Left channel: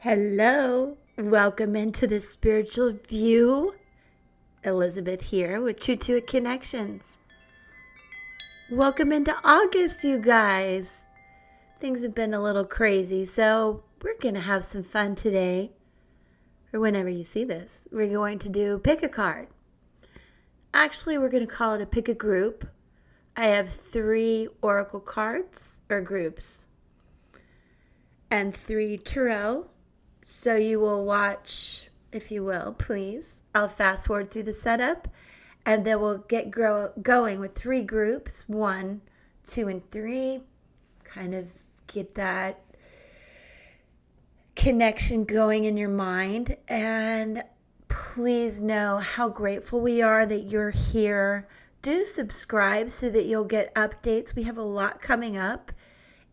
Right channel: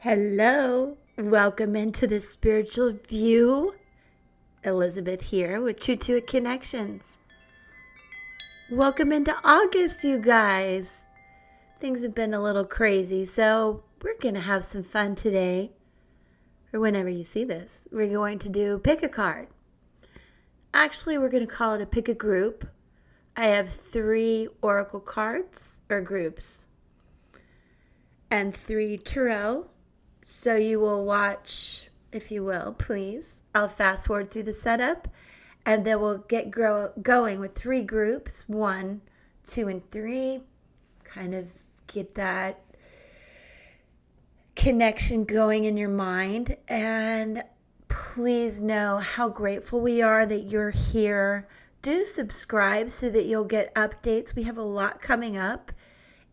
Hello, welcome into the spiritual view. Elizabeth here with Tru2itt Connections. Welcome into August, you guys. Things have been a little crazy, so we're going to have some fun today. Or whenever you see this, we're going to do pick a card. Actually, we're going to call it a pick a group. I have 3 oracle cards or groups and 3 tarot. So you will watch, if you will, please. I'll fast forward through the setup, and then we'll get going with 3 groups, 1, 2, and 3. Kind of get that connection going in your mind. And please know how grateful we are that you're here. Do subscribe so that you'll get updates. We have a lot coming up.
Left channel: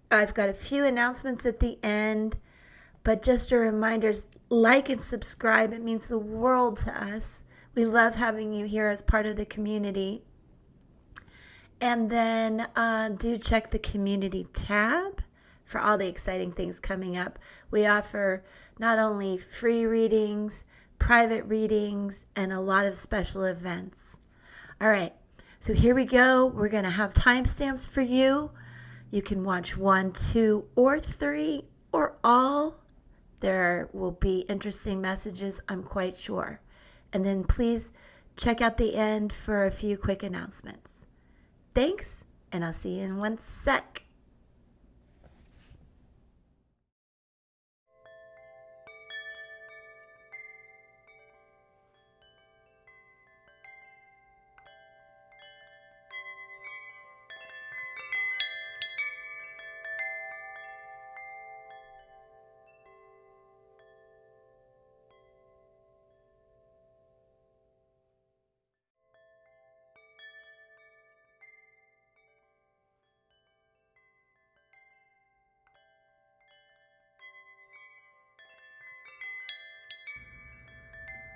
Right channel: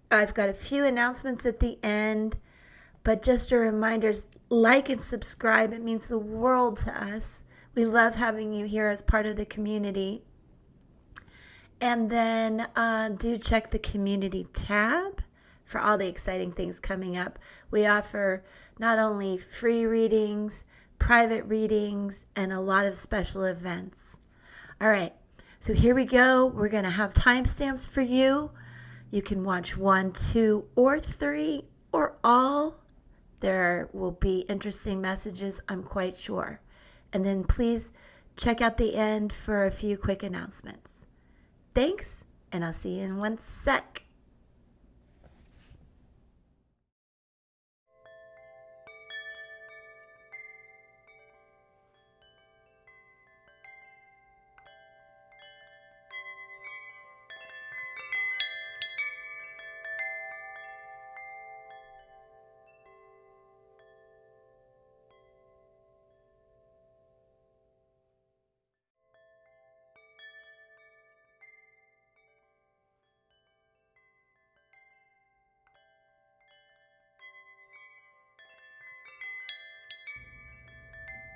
I've got a few announcements at the end. But just a reminder, like and subscribe. It means the world to us. We love having you here as part of the community. And then do check the community tab for all the exciting things coming up. We offer not only free readings, private readings, and a lot of special events. All right, so here we go. We're going to have timestamps for you. You can watch 1, 2, or 3, or all. There will be interesting messages, I'm quite sure. And then please check out the end for a few quick announcements. Thanks, and I'll see you in 1 sec.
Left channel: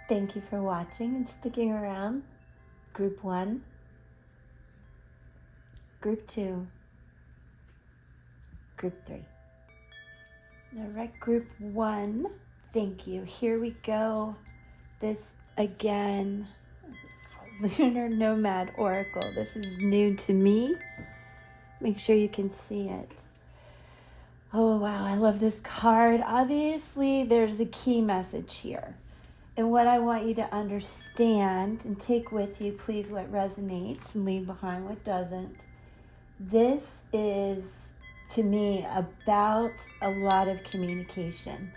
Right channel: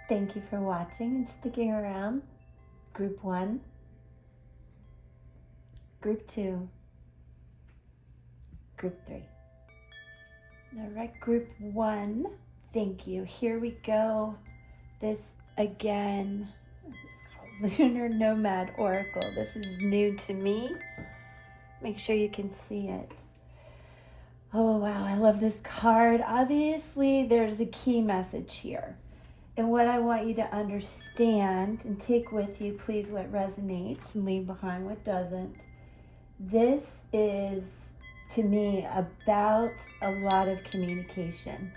Thank you for watching and sticking around. Group 1, Group 2, Group 3. All right, Group 1, thank you. Here we go. This again, this is called Lunar Nomad Oracle. This is new to me. Make sure you can see it. Oh, wow, I love this card. Obviously, there's a key message here. And what I want you to understand and take with you, please, what resonates and leave behind what doesn't. This is, to me, about a lot of communication,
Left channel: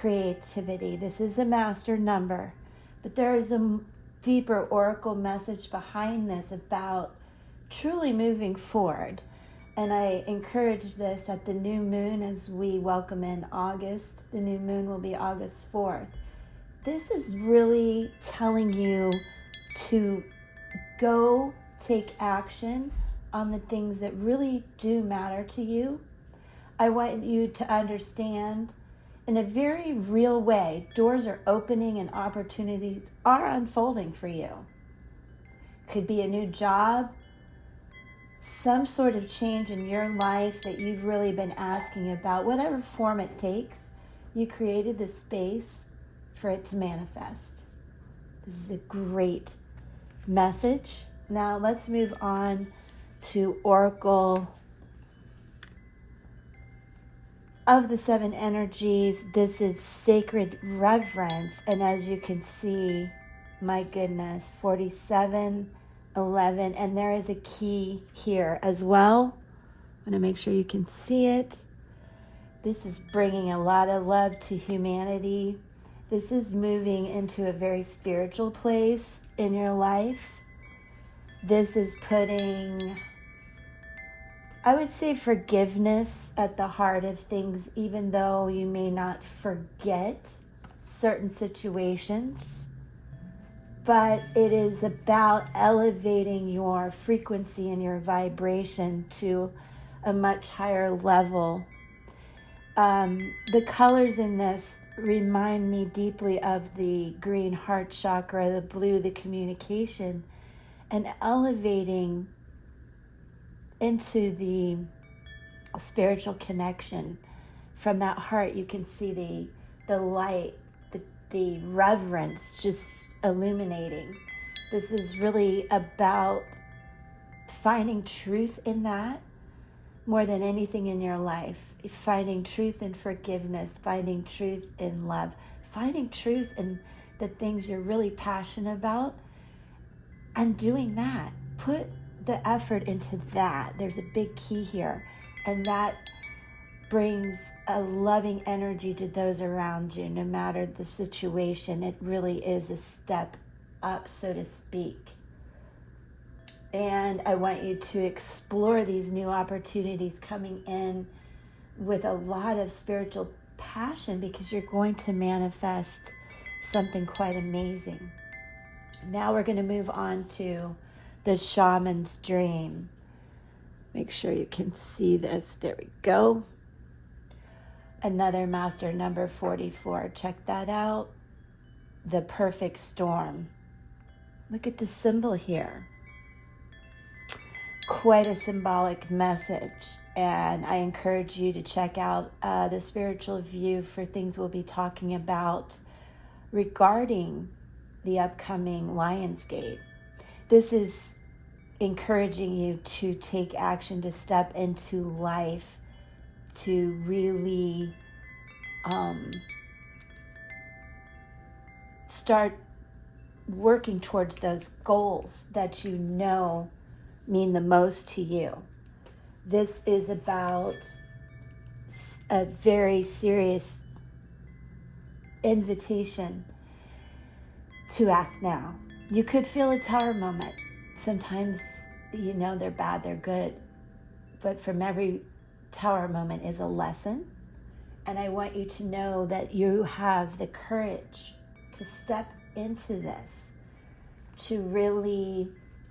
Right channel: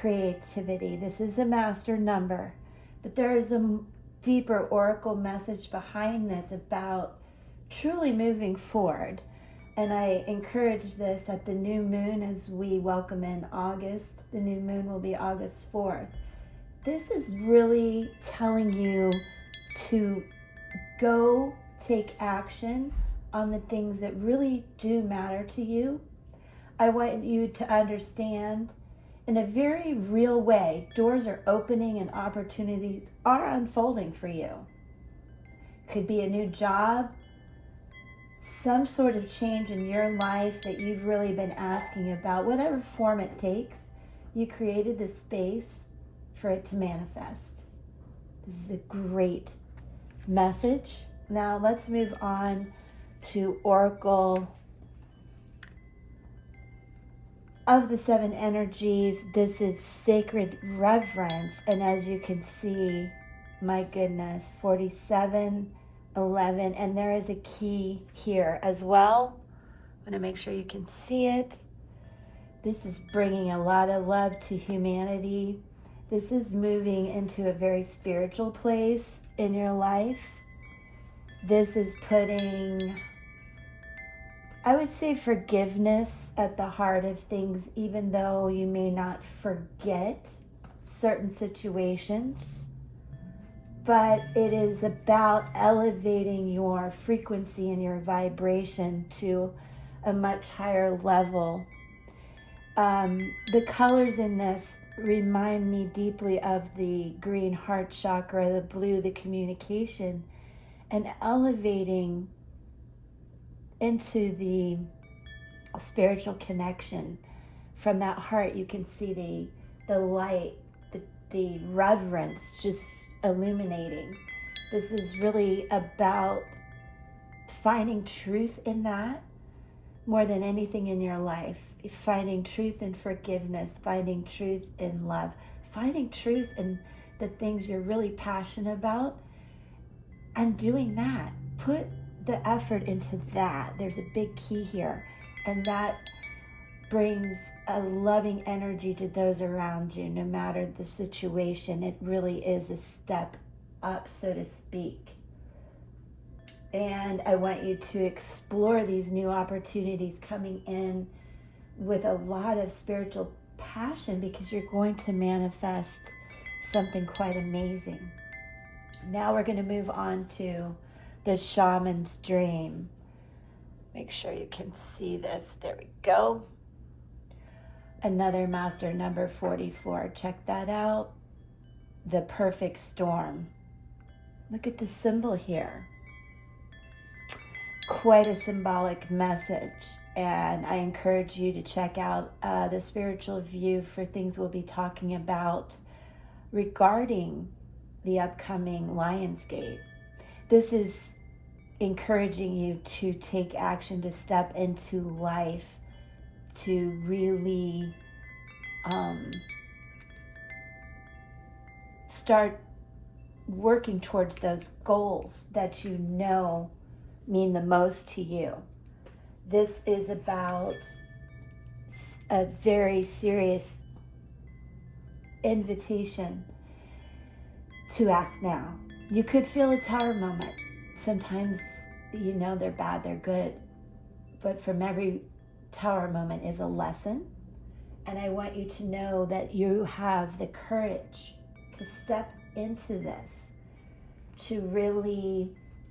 creativity. This is a master number, but there is a deeper oracle message behind this about truly moving forward. And I encourage this at the new moon as we welcome in August. The new moon will be August 4th. This is really telling you to go take action on the things that really do matter to you. I want you to understand in a very real way, doors are opening and opportunities are unfolding for you. Could be a new job, some sort of change in your life that you've really been asking about, whatever form it takes. You created the space for it to manifest. This is a great message. Now let's move on to Oracle of the 7 energies. This is Sacred Reverence. And as you can see, my goodness, 47, 11, and there is a key here as well. I'm going to make sure you can see it. This is bringing a lot of love to humanity. This is moving into a very spiritual place in your life. This is putting, I would say, forgiveness at the heart of things, even though you may not forget certain situations. But it is about elevating your frequency and your vibration to a much higher level. The colors in this remind me deeply of the green heart chakra, the blue, the communication, and elevating into the spiritual connection. From that heart, you can see the light, the reverence just illuminating. This is really about finding truth in that more than anything in your life. Finding truth in forgiveness, finding truth in love, finding truth in the things you're really passionate about, and doing that. Put the effort into that. There's a big key here, and that brings a loving energy to those around you, no matter the situation. It really is a step up, so to speak. And I want you to explore these new opportunities coming in with a lot of spiritual passion, because you're going to manifest something quite amazing. Now we're going to move on to the shaman's dream. Make sure you can see this. There we go. Another master number 44. Check that out. The perfect storm. Look at the symbol here. Quite a symbolic message, and I encourage you to check out the spiritual view for things we'll be talking about regarding the upcoming Lionsgate. This is encouraging you to take action, to step into life, to really start working towards those goals that you know mean the most to you. This is about a very serious invitation to act now. You could feel a tower moment. Sometimes, you know, they're bad, they're good. But from every tower moment is a lesson. And I want you to know that you have the courage to step into this, to really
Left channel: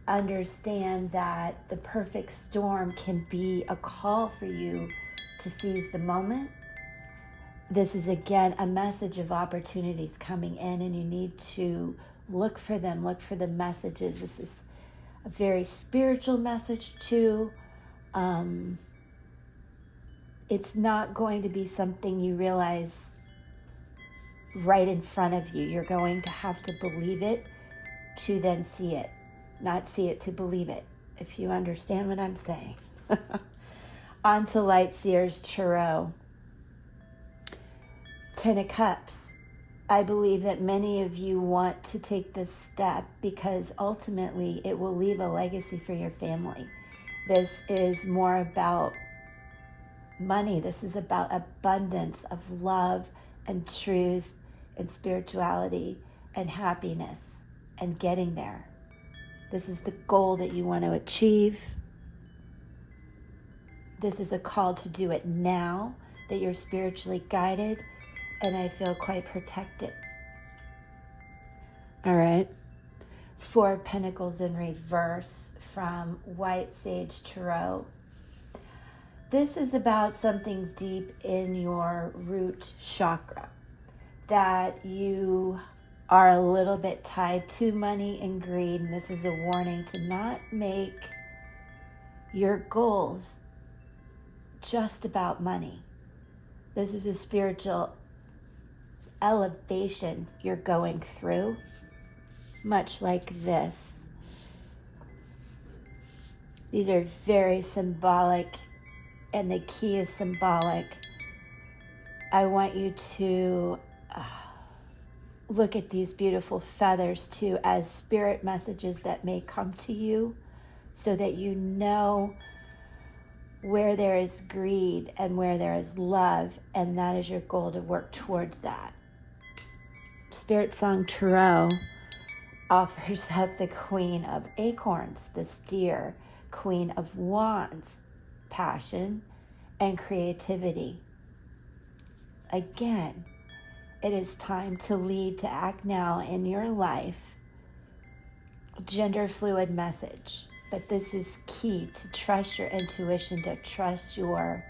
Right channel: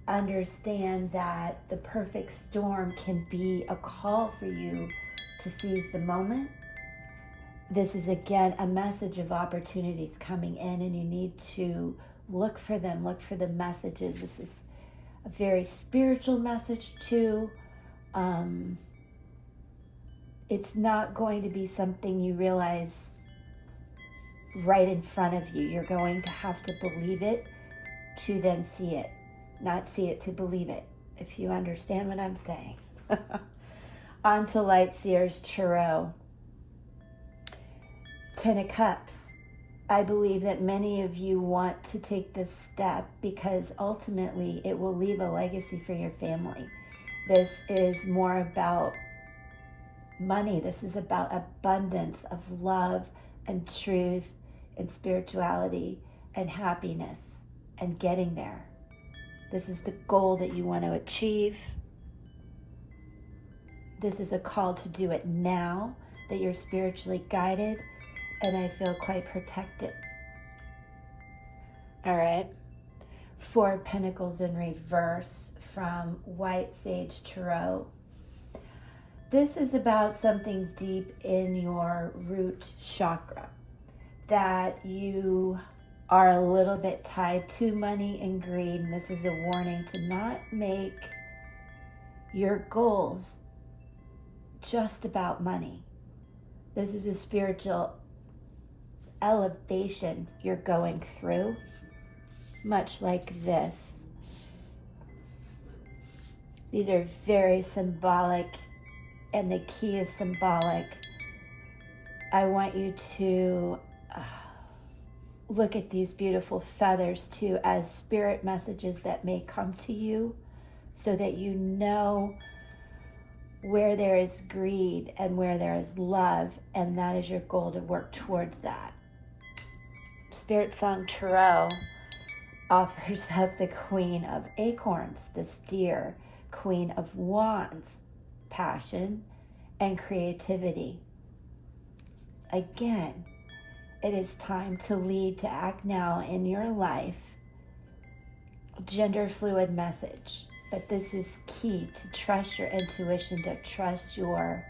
understand that the perfect storm can be a call for you to seize the moment. This is, again, a message of opportunities coming in, and you need to look for them, look for the messages. This is a very spiritual message too. It's not going to be something you realize right in front of you. You're going to have to believe it to then see it. Not see it to believe it, if you understand what I'm saying. On to Light Seers Tarot. 10 of Cups. I believe that many of you want to take this step because ultimately it will leave a legacy for your family. This is more about money. This is about abundance of love and truth and spirituality and happiness and getting there. This is the goal that you want to achieve. This is a call to do it now, that you're spiritually guided, and I feel quite protected. All right. 4 of Pentacles in reverse from White Sage Tarot. This is about something deep in your root chakra, that you are a little bit tied to money and greed. And this is a warning to not make your goals just about money. This is a spiritual elevation you're going through, much like this. These are very symbolic, and the key is symbolic. I want you to look at these beautiful feathers too as spirit messages that may come to you, so that you know where there is greed and where there is love, and that is your goal, to work towards that. Spirit Song Tarot offers up the Queen of Acorns, this deer, Queen of Wands, passion and creativity. Again, it is time to lead, to act now in your life. Gender fluid message, but this is key to trust your intuition, to trust your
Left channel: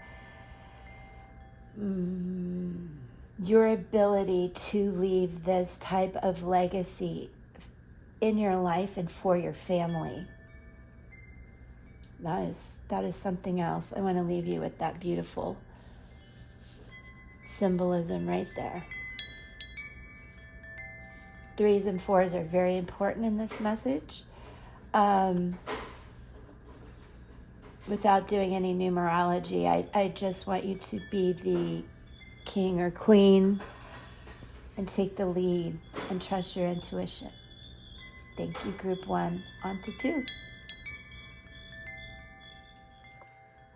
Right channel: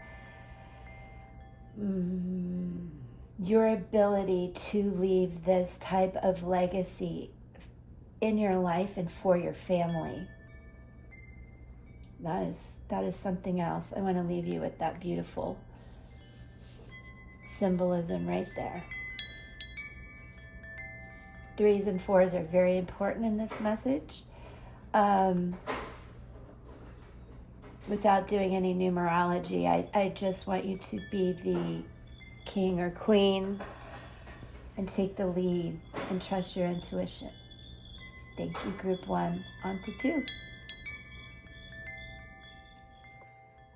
ability to leave this type of legacy in your life and for your family. That is something else. I want to leave you with that beautiful symbolism right there. 3s and 4s are very important in this message. Without doing any numerology, I just want you to be the king or queen and take the lead and trust your intuition. Thank you, group 1. On to 2.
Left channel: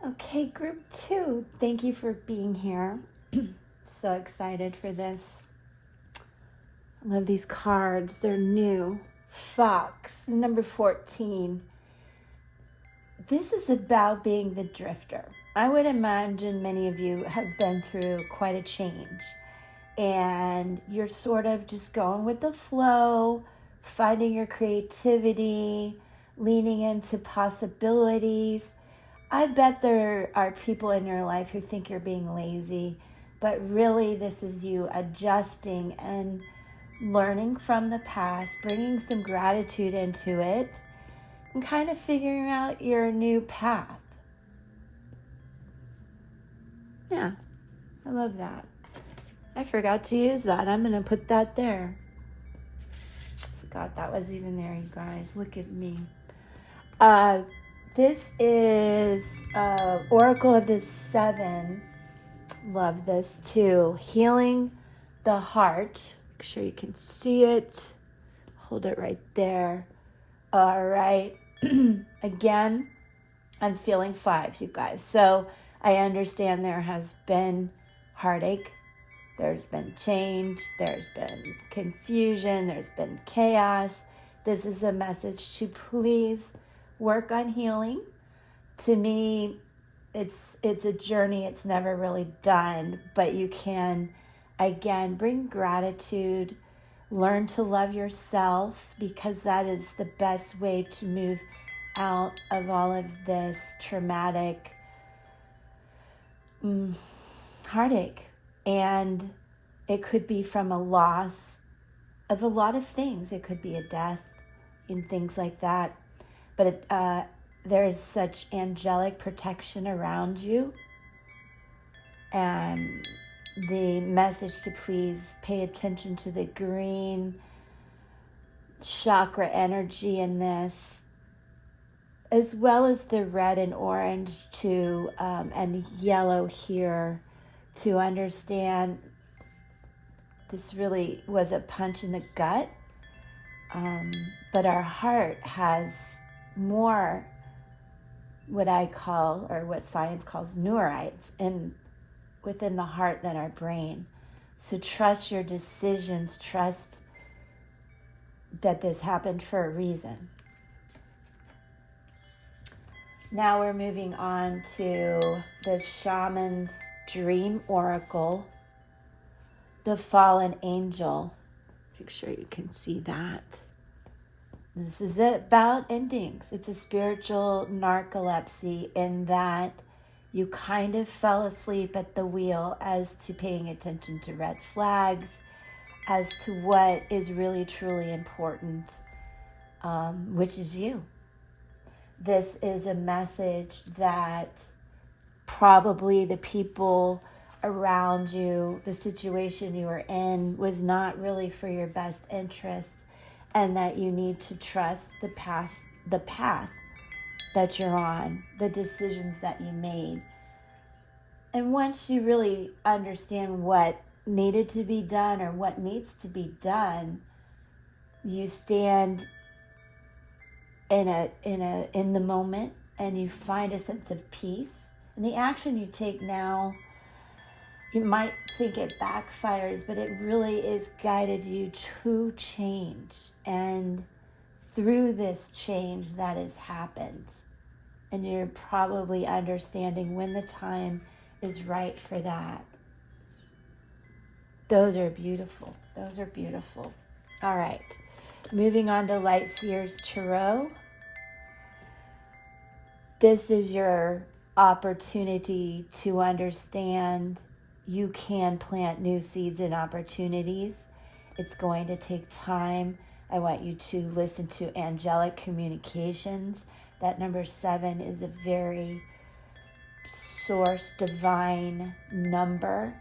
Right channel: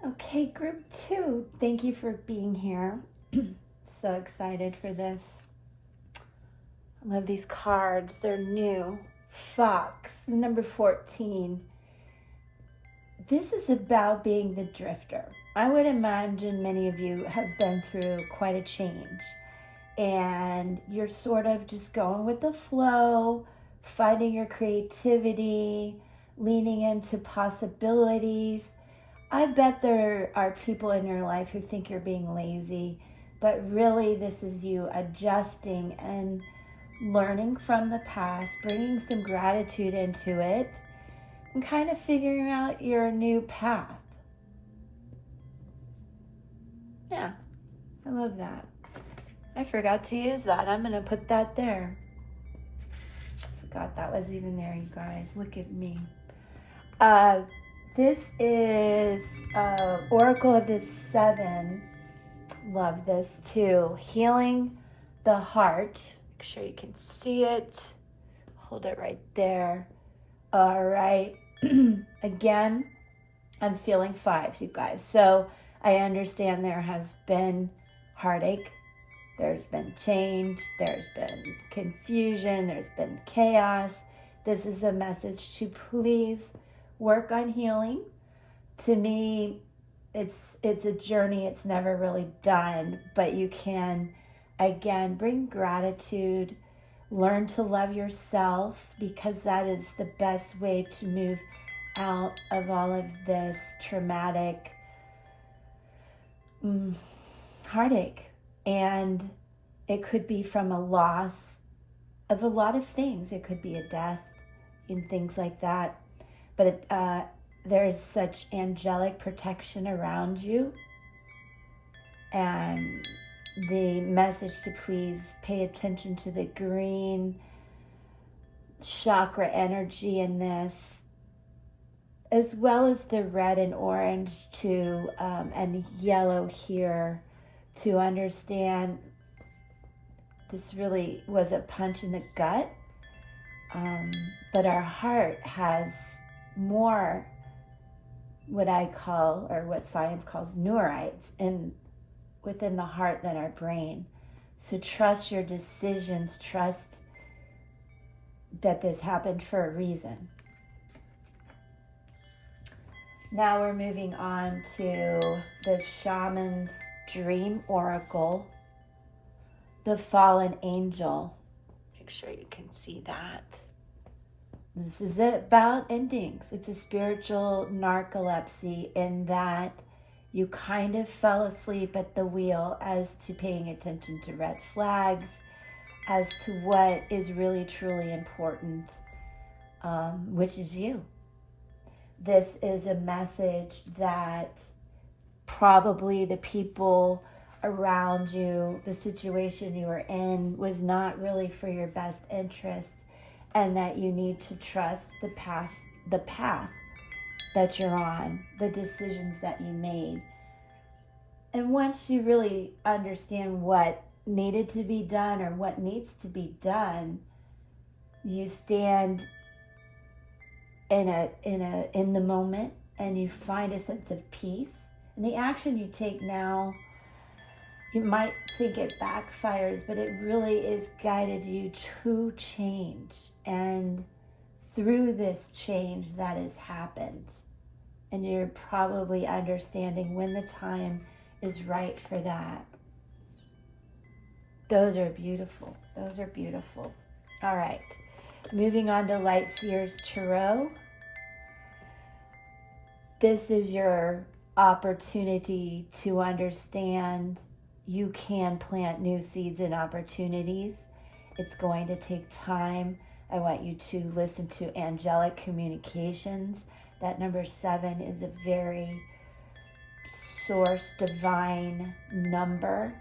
Okay, group 2, thank you for being here. So excited for this. I love these cards. They're new. Fox, number 14. This is about being the drifter. I would imagine many of you have been through quite a change. And you're sort of just going with the flow, finding your creativity, leaning into possibilities. I bet there are people in your life who think you're being lazy, but really this is you adjusting and learning from the past, bringing some gratitude into it, and kind of figuring out your new path. Yeah, I love that. I forgot to use that. I'm going to put that there. Forgot that was even there, you guys. Look at me. This is Oracle of the 7. Love this too. Healing the heart. Make sure you can see it. Hold it right there. All right. Again, I'm feeling 5s, you guys. So I understand there has been heartache. There's been change. There's been confusion. There's been chaos. This is a message to please work on healing. To me, it's a journey. It's never really done, but you can, again, bring gratitude, learn to love yourself, because that is the best way to move out of all of this traumatic heartache. And it could be from a loss of a lot of things. It could be a death and things like that. But there's such angelic protection around you. And the message to please pay attention to the green chakra energy in this, as well as the red and orange too, and yellow here, to understand this really was a punch in the gut. But our heart has more what I call, or what science calls, neurites within the heart than our brain. So trust your decisions, trust that this happened for a reason. Now we're moving on to the Shaman's Dream Oracle, the Fallen Angel. Make sure you can see that. This is about endings. It's a spiritual narcolepsy in that you kind of fell asleep at the wheel as to paying attention to red flags, as to what is really truly important, which is you. This is a message that probably the people around you, the situation you were in, was not really for your best interest, and that you need to trust the path that you're on, the decisions that you made. And once you really understand what needed to be done or what needs to be done, you stand in the moment and you find a sense of peace. And the action you take now, you might think it backfires, but it really is guided you to change. And through this change that has happened, and you're probably understanding when the time is right for that. Those are beautiful. Those are beautiful. All right. Moving on to Light Seers Tarot. This is your opportunity to understand you can plant new seeds and opportunities. It's going to take time. I want you to listen to angelic communications. That number 7 is a very source divine number.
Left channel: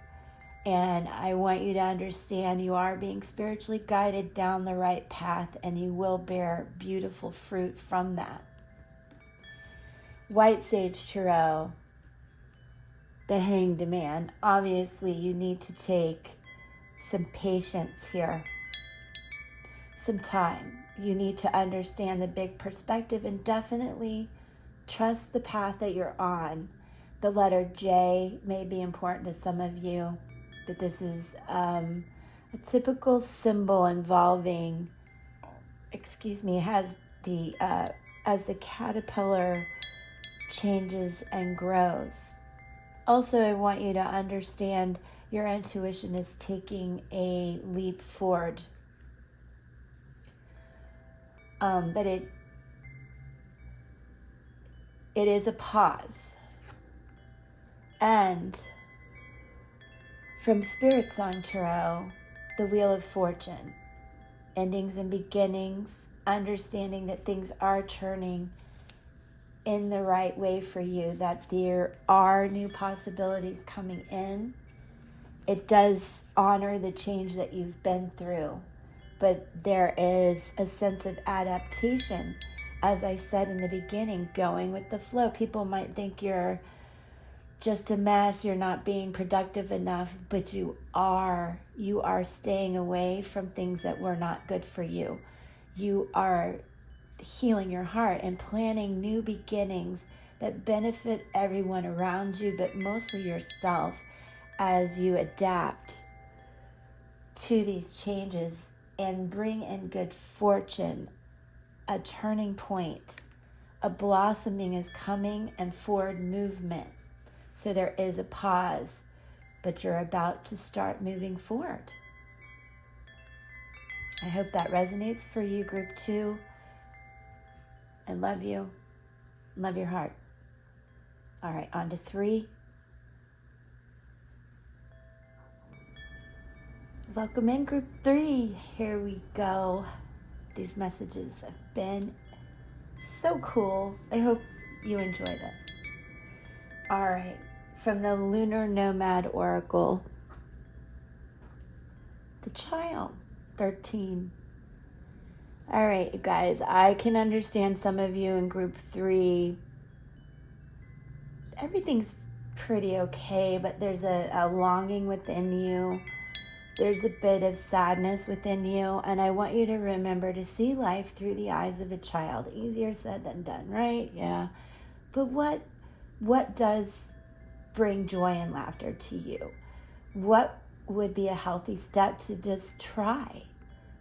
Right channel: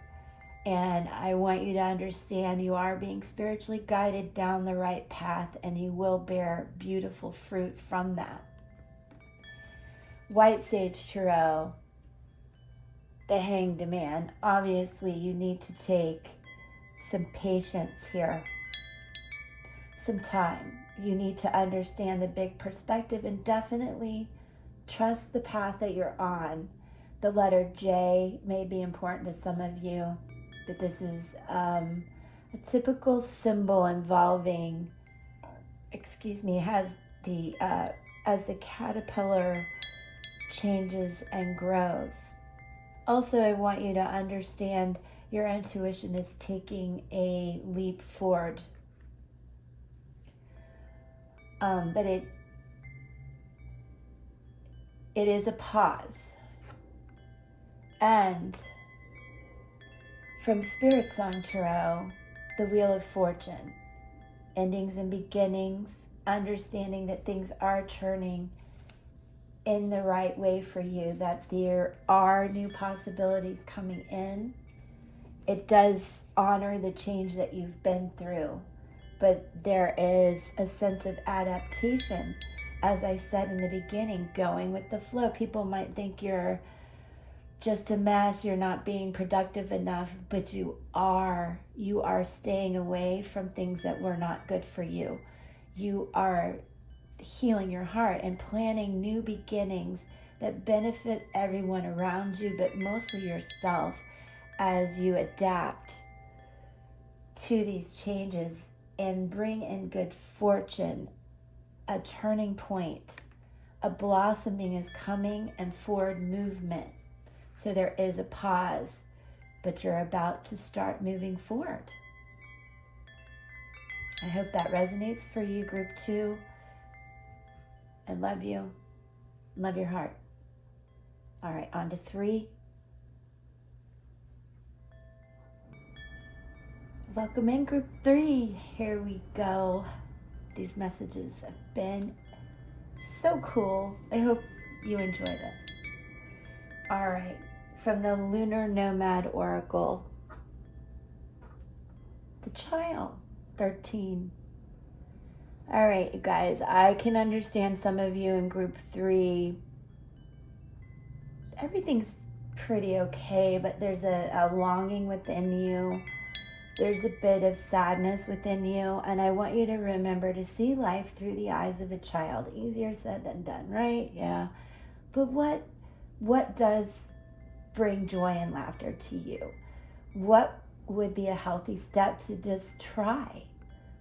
And I want you to understand you are being spiritually guided down the right path, and you will bear beautiful fruit from that. White Sage Tarot, the Hanged Man. Obviously, you need to take some patience here, some time. You need to understand the big perspective and definitely trust the path that you're on. The letter J may be important to some of you, but this is a typical symbol involving, has the as the caterpillar changes and grows. Also, I want you to understand your intuition is taking a leap forward. But it is a pause. And from Spirit Song Tarot, the Wheel of Fortune, endings and beginnings, understanding that things are turning in the right way for you, that there are new possibilities coming in. It does honor the change that you've been through, but there is a sense of adaptation. As I said in the beginning, going with the flow. People might think you're just a mess, you're not being productive enough, but you are staying away from things that were not good for you. You are healing your heart and planning new beginnings that benefit everyone around you, but mostly yourself, as you adapt to these changes and bring in good fortune. A turning point, a blossoming is coming, and forward movement. So there is a pause, but you're about to start moving forward. I hope that resonates for you, Group 2. I love you. Love your heart. All right, on to 3. Welcome in, Group 3. Here we go. These messages have been so cool. I hope you enjoy this. All right, from the Lunar Nomad Oracle, the Child, 13. All right, you guys, I can understand some of you in Group 3. Everything's pretty okay, but there's a longing within you. There's a bit of sadness within you, and I want you to remember to see life through the eyes of a child. Easier said than done, right? Yeah. But what does bring joy and laughter to you? What would be a healthy step to just try?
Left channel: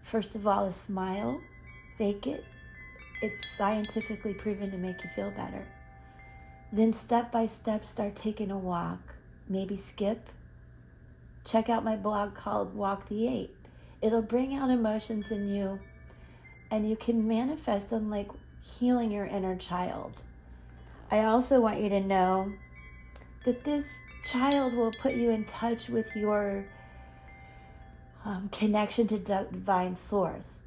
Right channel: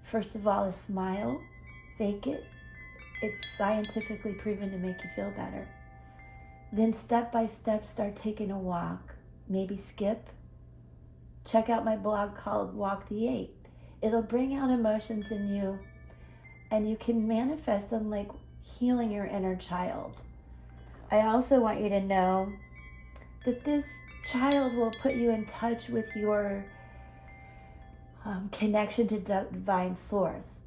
First of all, a smile. Fake it. It's scientifically proven to make you feel better. Then step by step, start taking a walk. Maybe skip. Check out my blog called Walk the 8. It'll bring out emotions in you, and you can manifest them like healing your inner child. I also want you to know that this child will put you in touch with your connection to divine source,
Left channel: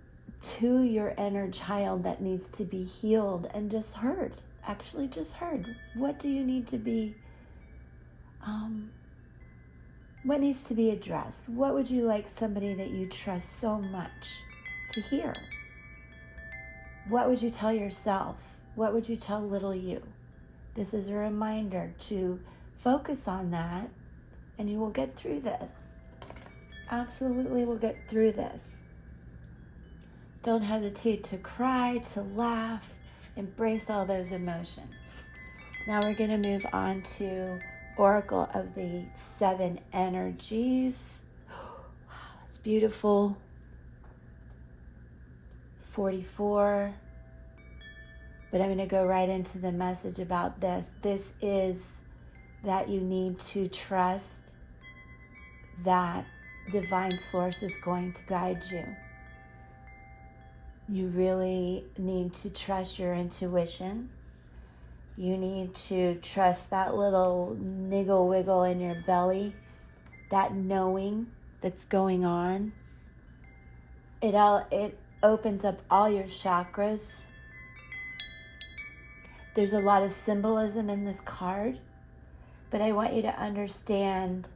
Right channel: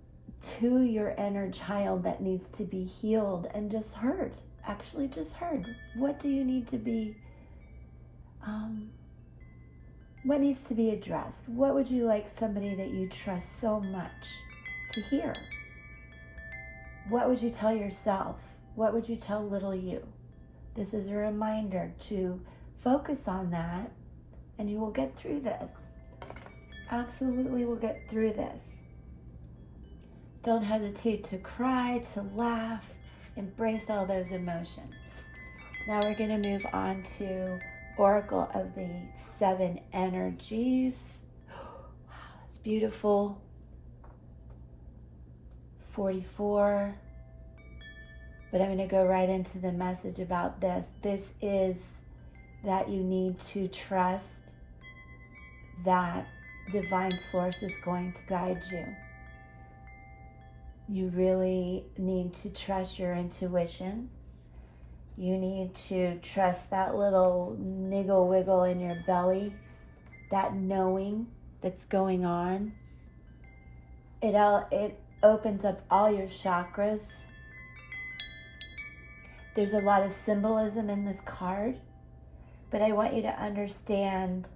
to your inner child that needs to be healed and just heard. Actually just heard. What do you need to be what needs to be addressed? What would you like somebody that you trust so much to hear? What would you tell yourself? What would you tell little you? This is a reminder to focus on that, and you will get through this. Absolutely will get through this. Don't hesitate to cry, to laugh, embrace all those emotions. Now we're going to move on to Oracle of the 7 Energies. Wow, that's beautiful. 44. But I'm going to go right into the message about this. This is that you need to trust that divine source is going to guide you. You really need to trust your intuition. You need to trust that little niggle wiggle in your belly, that knowing that's going on. It opens up all your chakras. There's a lot of symbolism in this card, but I want you to understand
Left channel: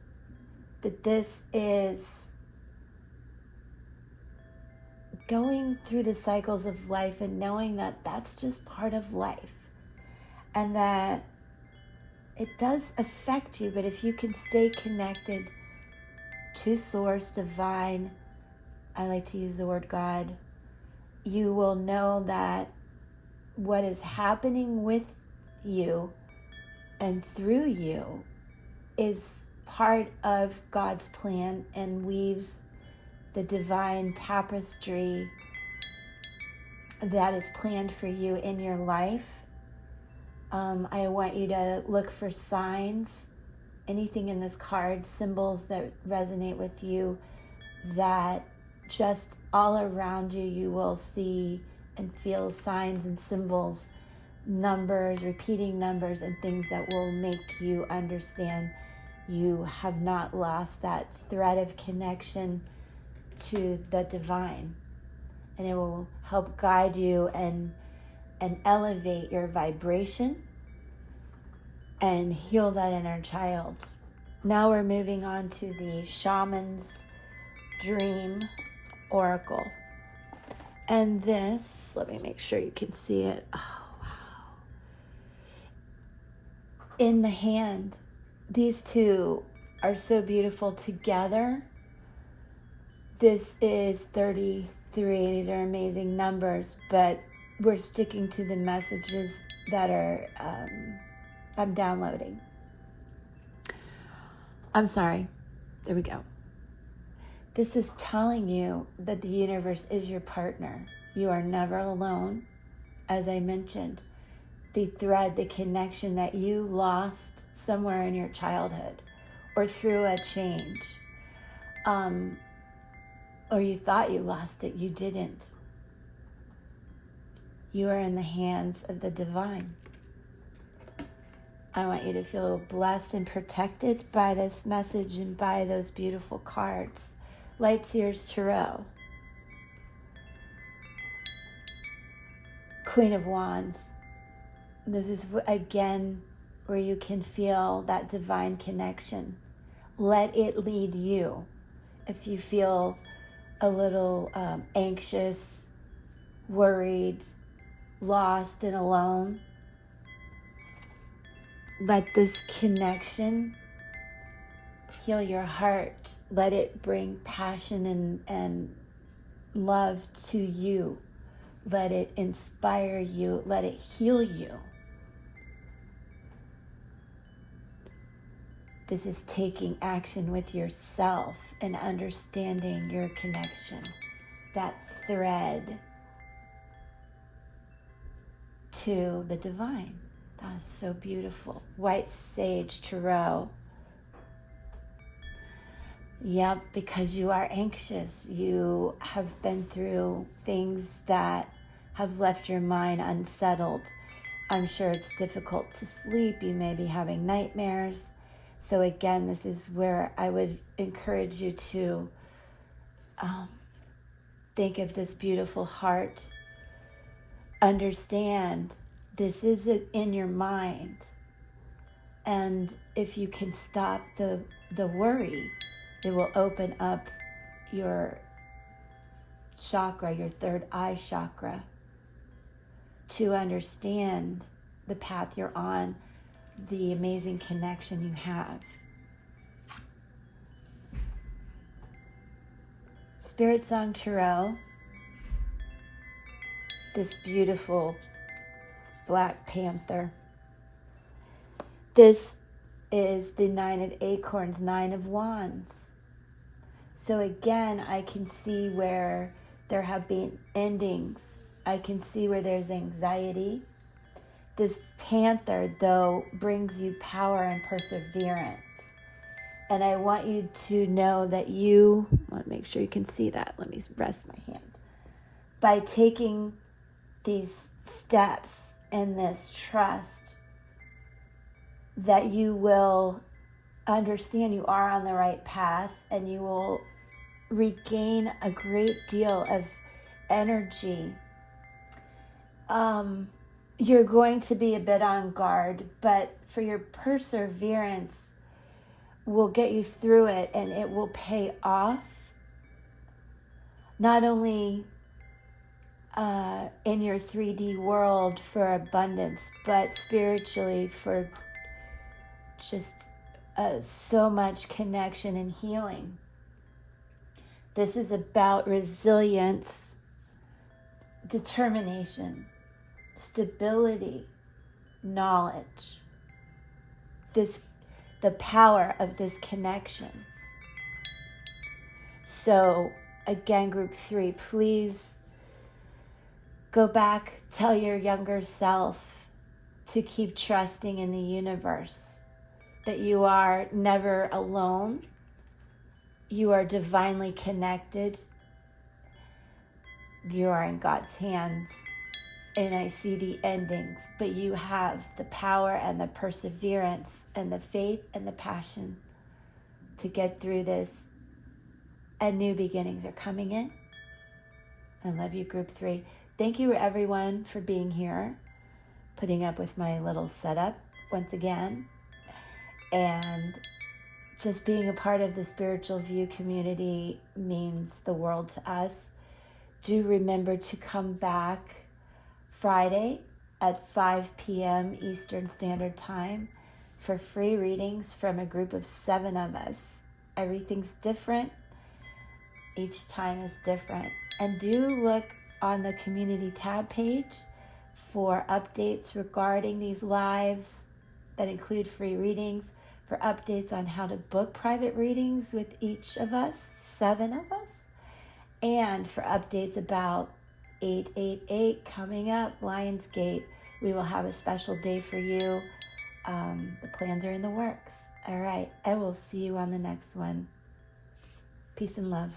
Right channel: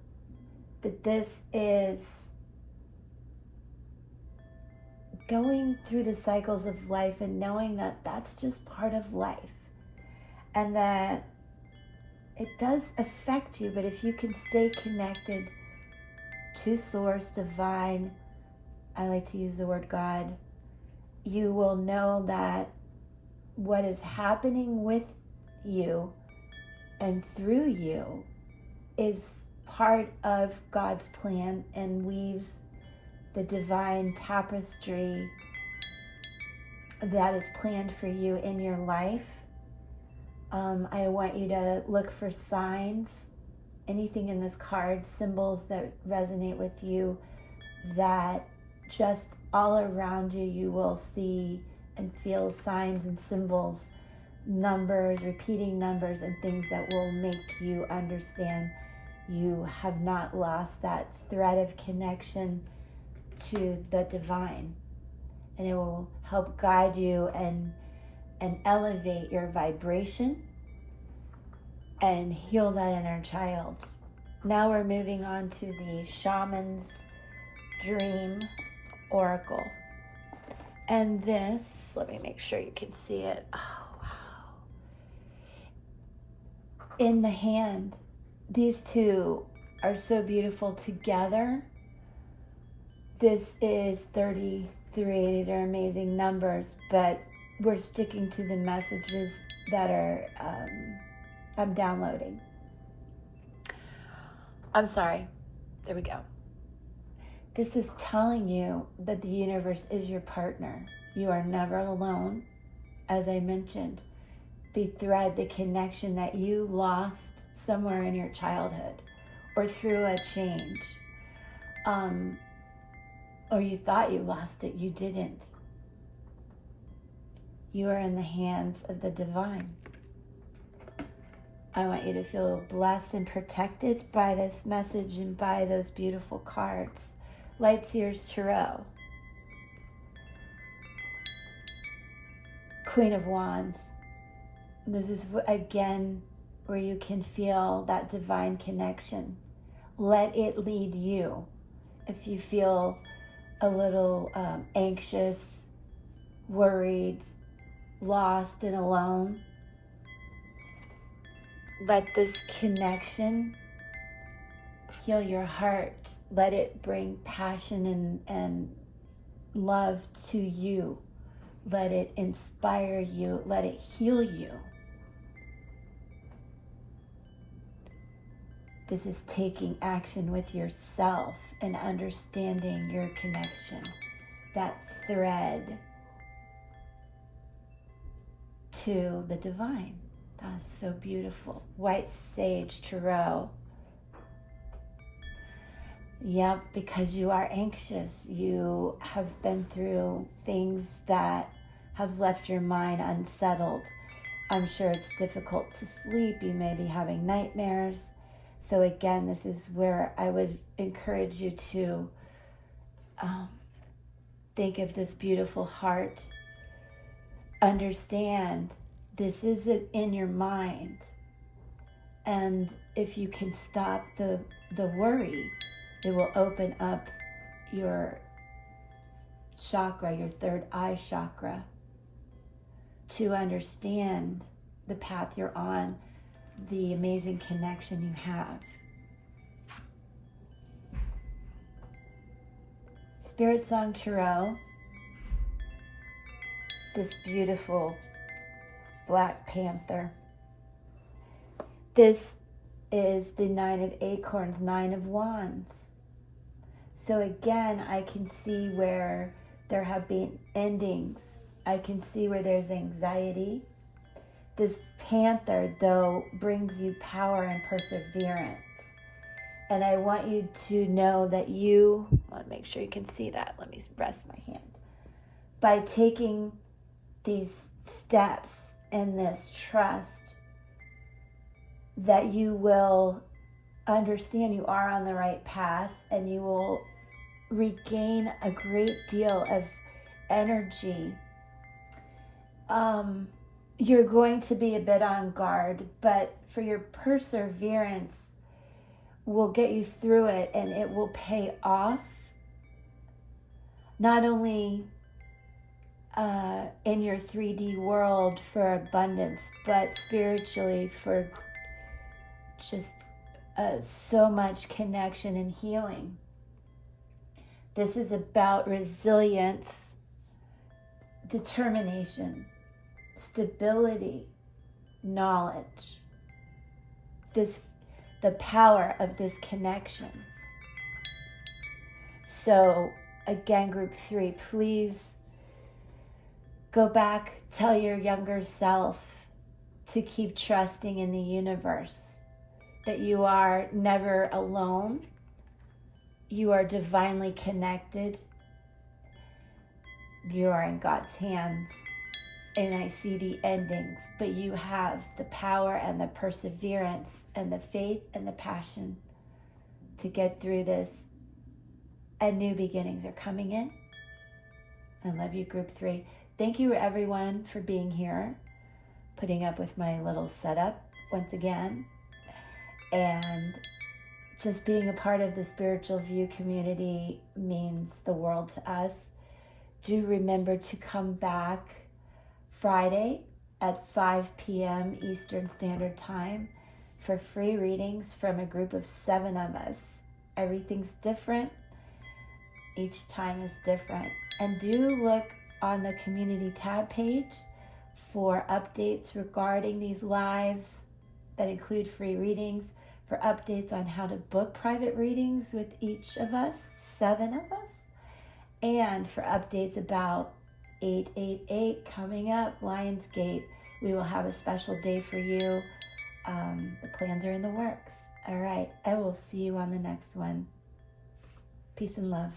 that this is going through the cycles of life and knowing that that's just part of life, and that it does affect you, but if you can stay connected to Source, Divine, I like to use the word God, you will know that what is happening with you and through you is part of God's plan and weaves the divine tapestry that is planned for you in your life. I want you to look for signs, anything in this card, symbols that resonate with you, that just all around you, you will see and feel signs and symbols, numbers, repeating numbers, and things that will make you understand you have not lost that thread of connection to the divine. And it will help guide you and elevate your vibration and heal that inner child. Now we're moving on to the Shaman's Dream Oracle. And this, let me make sure you can see it. Oh, wow. In the hand, these two are so beautiful together. This is 33. These are amazing numbers, but we're sticking to the messages that are I'm downloading. I'm sorry. There we go. This is telling you that the universe is your partner. You are never alone. As I mentioned, the thread, the connection that you lost somewhere in your childhood or through a change, or you thought you lost it, you didn't. You are in the hands of the divine. I want you to feel blessed and protected by this message and by those beautiful cards. Lightseer's Tarot. Queen of Wands. This is, again, where you can feel that divine connection. Let it lead you. If you feel a little anxious, worried, lost, and alone, let this connection heal your heart. Let it bring passion and love to you. Let it inspire you. Let it heal you. This is taking action with yourself and understanding your connection, that thread to the divine. That is so beautiful. White Sage Tarot. Yep, because you are anxious. You have been through things that have left your mind unsettled. I'm sure it's difficult to sleep. You may be having nightmares. So again, this is where I would encourage you to think of this beautiful heart. Understand this is in your mind. And if you can stop the worry, it will open up your chakra, your third eye chakra, to understand the path you're on, the amazing connection you have. Spirit Song Tarot. This beautiful Black Panther. This is the Nine of Acorns, Nine of Wands. So again, I can see where there have been endings. I can see where there's anxiety. This panther, though, brings you power and perseverance. And I want you to know that I want to make sure you can see that. Let me rest my hand. By taking these steps in this trust, that you will understand you are on the right path and you will regain a great deal of energy. You're going to be a bit on guard, but for your perseverance, will get you through it, and it will pay off, not only in your 3D world for abundance, but spiritually for just so much connection and healing. This is about resilience, determination, stability, knowledge. The power of this connection. So again, group 3, please go back, tell your younger self to keep trusting in the universe, that you are never alone. You are divinely connected. You are in God's hands. And I see the endings, but you have the power and the perseverance and the faith and the passion to get through this. And new beginnings are coming in. I love you, group 3. Thank you, everyone, for being here, putting up with my little setup once again, and just being a part of the Spiritual View community means the world to us. Do remember to come back Friday at 5 p.m. Eastern Standard Time for free readings from a group of 7 of us. Everything's different. Each time is different. And do look on the community tab page for updates regarding these lives that include free readings, for updates on how to book private readings with each of us, 7 of us, and for updates about 888 coming up, Lionsgate. We will have a special day for you. The plans are in the works. All right, I will see you on the next one. Peace and love.